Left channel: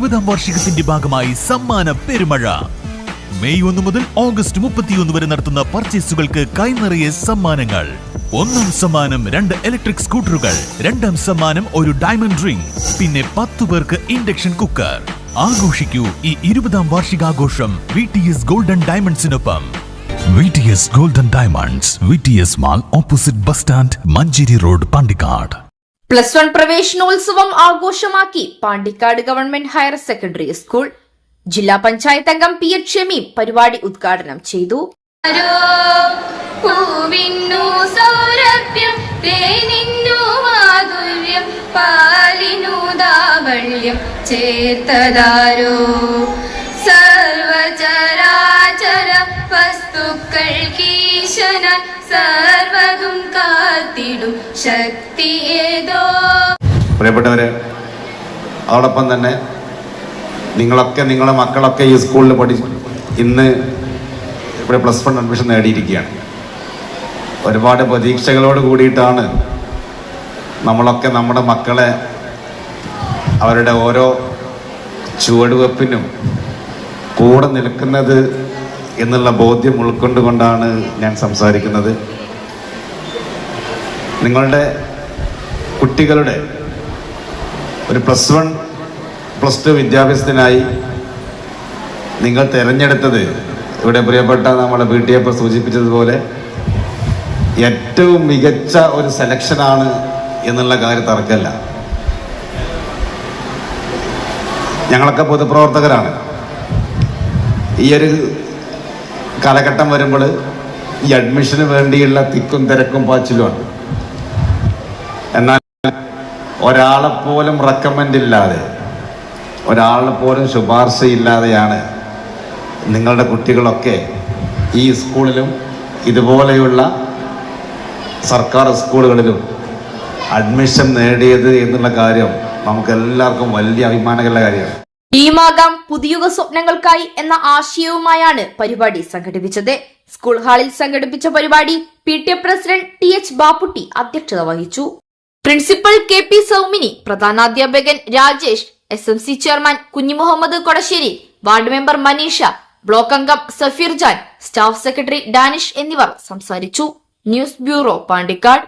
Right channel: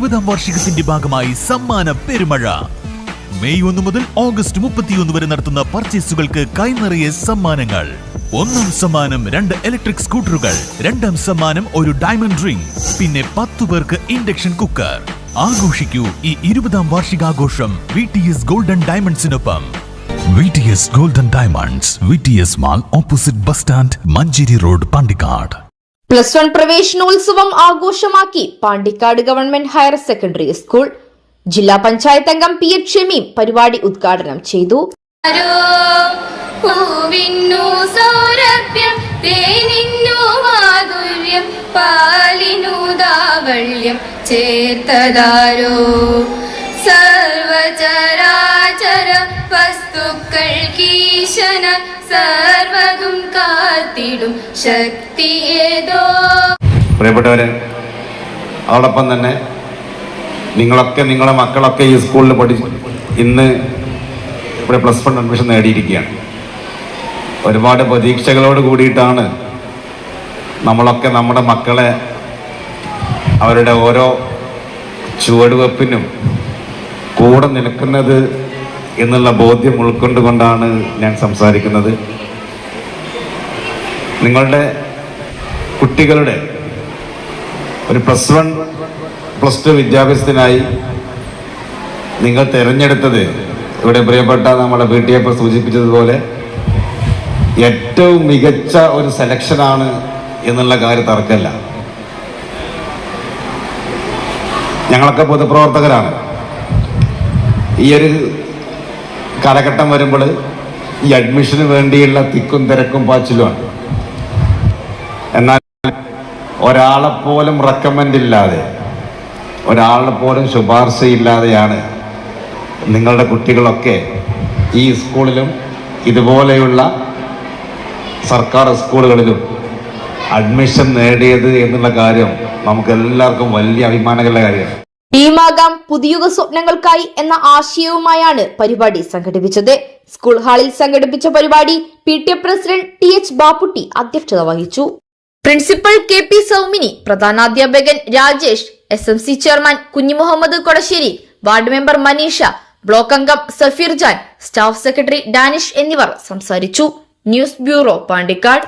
20ാം വാർഷികത്തിന്റെ ഭാഗമായി സമ്മാന പെരുമഴ. മെയ് 1 മുതൽ ഓഗസ്റ്റ് 31 വരെ നടത്തുന്ന പർച്ചേസുകൾക്ക് കൈനിറയെ സമ്മാനങ്ങൾ. 1ാം സമ്മാനം 2 ഇലക്ട്രിക് സ്കൂട്ടറുകൾ, 2ാം സമ്മാനം ഒരു ഡയമണ്ട് റിംഗ്, പിന്നെ 10 പേർക്ക് ഇൻഡക്ഷൻ കുക്കർ. ആഘോഷിക്കൂ ഈ 20ാം വാർഷികാഘോഷം VTS ഗോൾഡൻ ഡയമണ്ട്സിനൊപ്പം. VTS golden diamonds, VTS mall, opposite bus stand, Manjeri road, Pandikkad. +1 പ്രവേശനോത്സവം ആഘോഷമാക്കി Pandikkad government higher secondary school. ജില്ലാ പഞ്ചായത്ത് അംഗം PH ഷമീം പരിപാടി ഉദ്ഘാടനം ചെയ്തു. ചേർത്തതാരോ സർവചരാചര വസ്തുക്കൾ കീശന സർവതും കാത്തിടും ശക്തി ഏതോ. പ്രിയപ്പെട്ടവരെ, അതോടൊപ്പം തന്നെ നിങ്ങളെ മക്കളൊക്കെ ഈ സ്കൂളിൽ ഇന്ന് ഇവിടെ +1 അഡ്മിഷൻ നേടിയിരിക്കുകയാണ്. ഒരുപാട് പ്രതീക്ഷകളോട് കൂടിയിട്ടാണ് നമ്മളൊക്കെ നമ്മുടെ മക്കളെ അവരുടെ ഓരോ ചുവടുവെപ്പിനും കൂടെ നിൽക്കുന്നത് എന്നുള്ള ബോധ്യം ഉൾക്കൊണ്ടുകൊണ്ടാണ് ഞാൻ സംസാരിക്കുന്നത്. നിങ്ങളുടെ കുട്ടികളുടെ ഒരു +1 +2 വിദ്യാഭ്യാസത്തിനായി നിങ്ങൾ തിരഞ്ഞെടുത്തത് ഇവിടെ പ്രിയപ്പെട്ട നമ്മുടെ PTA സൂചിപ്പിച്ചതുപോലെ ഏറ്റവും മികച്ച ഒരു സെലക്ഷനാണ് എന്നുള്ള കാര്യം തർക്കമല്ല. ഞങ്ങളൊക്കെ പൊതുപ്രവർത്തകരാണ്. ഈ ഒരു കാലഘട്ടം വരുമ്പോൾ ഈ അഡ്മിഷന് വേണ്ടിയുള്ള തിക്കും തിരക്കും പാച്ചിലുമാണ്. എന്നാൽ ഒരാളെപ്പോലും റെക്കമെൻഡ് ഇല്ലാതെ, ഒരാളെപ്പോലും ശുപാർശയില്ലാതെയാണ് നിങ്ങളുടെ കുട്ടികളൊക്കെ ഈ സ്കൂളിലും ഇതുപോലെയുള്ള സർക്കാർ സ്കൂളുകളിലും അഡ്മിഷൻ നേടിയത് എന്നുള്ള കാര്യം നമുക്ക് എല്ലാവർക്കും വലിയ അഭിമാനകരമായ കാര്യമാണ്. ടീമാകാം പുതിയുഗ സ്വപ്നങ്ങൾക്കായി എന്ന ആശയവുമായാണ് പരിപാടി സംഘടിപ്പിച്ചത്. സ്കൂൾ ഹാളിൽ സംഘടിപ്പിച്ച പരിപാടി PTA പ്രസിഡന്റ് TH ബാപ്പുട്ടി അധ്യക്ഷത വഹിച്ചു. പ്രിൻസിപ്പൽ KP സൗമിനി, പ്രധാനാധ്യാപകൻ Rajesh, SMC chairman Kunhimuhammed Kodasseri, ward member Maneesha, block അംഗം സഫീർ ജാൻ, സ്റ്റാഫ് സെക്രട്ടറി ഡാനിഷ് എന്നിവർ സംസാരിച്ചു. News bureau, Pandikkad.